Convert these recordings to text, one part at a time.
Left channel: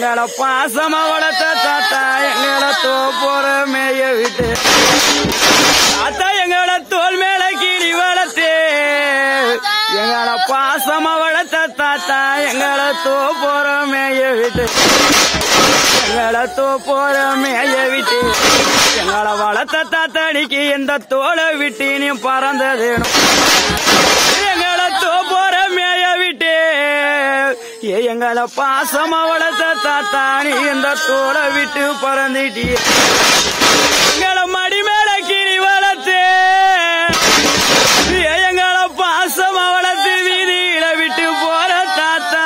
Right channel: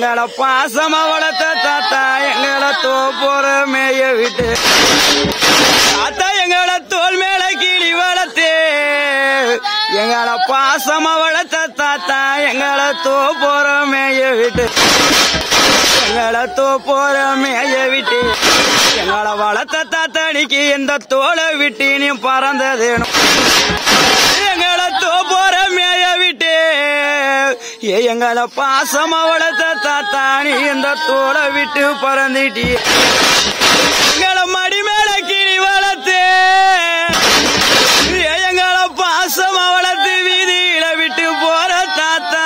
எங்கள பாசமா வளர்த்த தாத்தா எங்கள தோப்போற மேய விட்டு தாத்தா எங்கள தோல் மேல கிளி வளர்த்தே எங்கள பாசமா வளர்த்த தாத்தா எங்கள தோப்போற மேய விட்டு எங்கள தோப்போற மேய விட்டு எங்கள வளர்த்த தாத்தாடிக்கு இந்த தோலை விட்டு நீ பறந்ததேனும் எங்கள தோப்போற மேய விட்டு எங்கள பாசமா வளர்த்த தாத்தா நீ இந்த தோலை விட்டு பறந்துட்டி எங்கள மடி மேல கிளி வளர்த்து எங்கள பாசமா வளர்த்து வீதியில விட்டு போற தாத்தா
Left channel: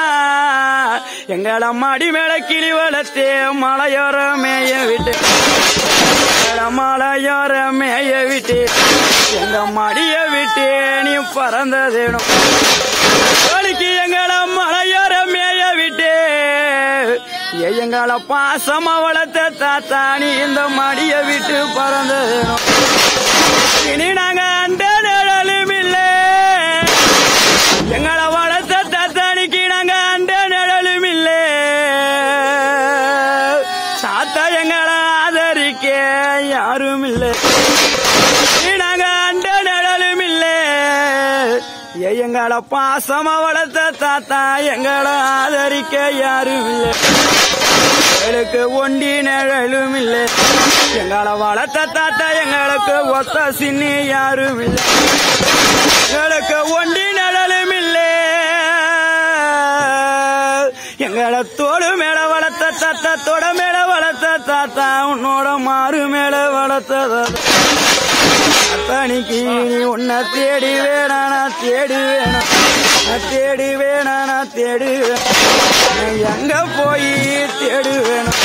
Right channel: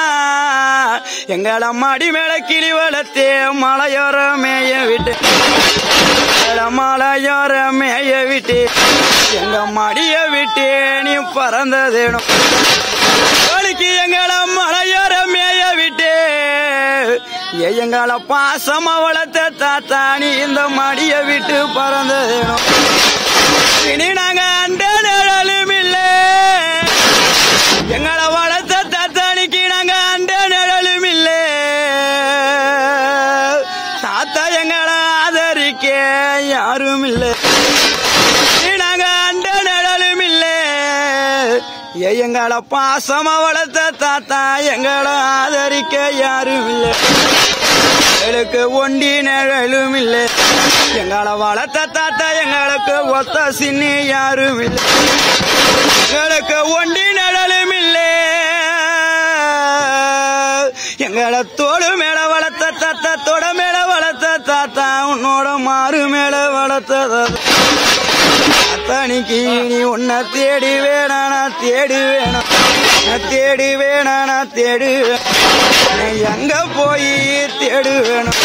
எங்கள மடி மேல கிளி வளர்த்து மலையோர மேய விட்டு மலையோர மேய விட்டு எங்க மடிய விட்டு நீ பறந்ததேனும் எங்கள மலையோர மேய விட்டு எங்கள பாசமா வளர்த்த தாத்தா நீ இந்த மடிய விட்டு பறந்ததேனும் இனி நாங்க அந்த நிழலும் இல்ல எங்களை வளர்த்த தாத்தானிக்கு நாங்க அந்த நிழலும் இல்ல தாத்தா எங்களை ஆதரிக்க யாரும் இல்ல நாங்க அந்த நிழலும் இல்ல எங்களை பாசமா வளர்த்த தாத்தா எங்களை ஆதரிக்க யாரும் இல்ல எங்களுக்கு ஒண்டி நிழலும் இல்ல எங்களை வளர்த்த தாத்தா எங்களுக்கு ஒத்த சின்னி யாரும் இல்ல எங்களுக்கு ஒண்டி நிழலும் இல்ல எங்களை தோடு மேல வளர்த்த தாத்தா தொட மேல வளர்த்த தாத்தா உன்னோட மாறு மேல வளர்த்த அத்தனிக்கு நீ உன்னை தேடி வேணா நான் தேடி வேணும் தேடி வேணா நான் தேடி வேணும் எங்க போய் தேடி வேணும்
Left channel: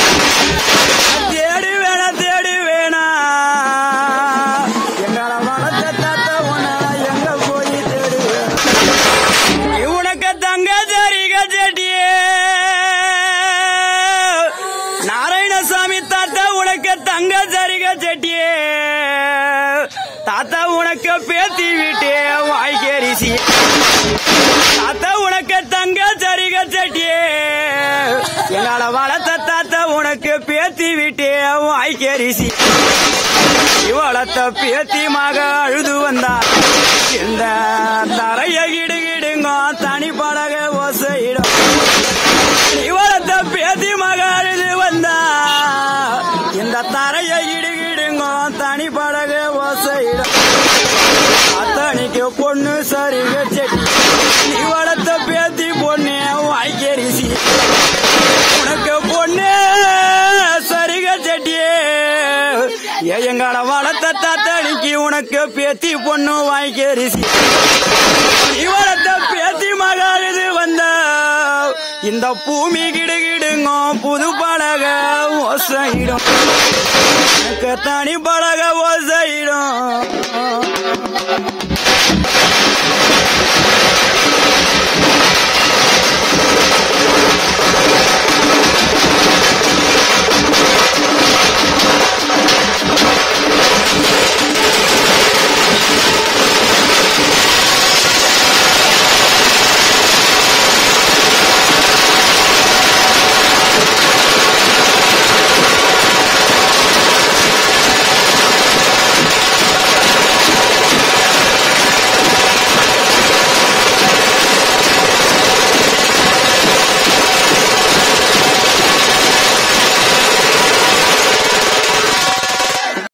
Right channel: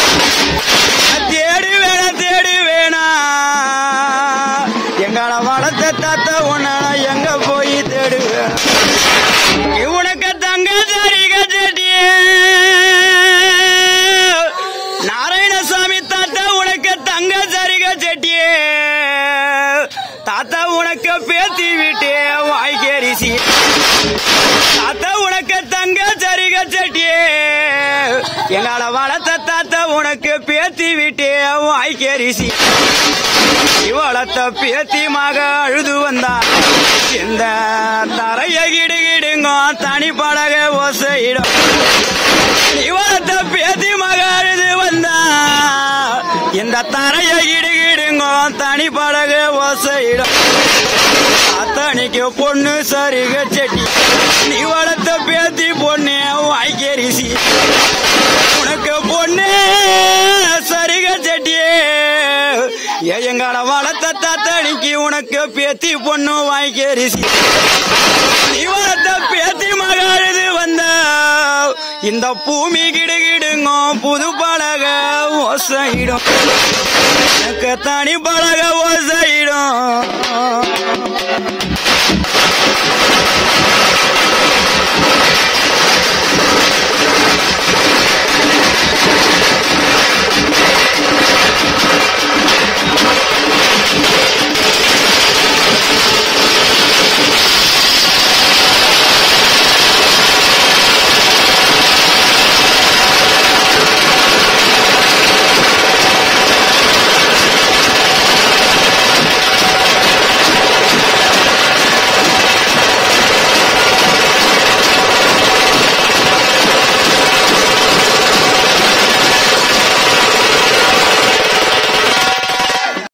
தேடி வேணா தேடி வேணா எங்களை வளர்த்த தாத்தா உன்னால எங்க போய் தேடி வேணும் உனக்கு தங்க சரிக செட்டியே நாராயணசாமி தாத்தா உனக்கு தங்க சரிக செட்டியே தாத்தா உனக்கு பேத்தி விட்டே வாய்க்கரிசி தாத்தா உனக்கு தங்க சரிக செட்டியே எங்கள வளர்த்த தாத்தா உனக்கு பேத்தி விட்டே வாய்க்கரிசி இவளத்த பேத்தி மக அழுது வந்தா இந்த தரைய கிடுகிடுங்க தனி பழக ஓசையிடும் இவளத்த பேத்தி மக அழுது வந்தா இந்த தரைய கிடுகிடுங்க தனி பழக ஓசையிடும் அத்தனைக்கு பொண்ணு சரிக செட்டி நீ வளர்த்த பேத்தி பொண்ணு வாய்க்கரிசி உனக்கு பொண்ணு சரிக செட்டியே எங்கள வளர்த்த தாத்தனிக்கு உனக்கு பேத்தி பொண்ணு வாய்க்கரிசி நீ வளர்த்த பேத்தி மக அழுது வந்த இந்த பூமி கிடுகிடுங்க புது பழக ஓசையிடும் எனக்கு தனி பழக ஓசையிடும்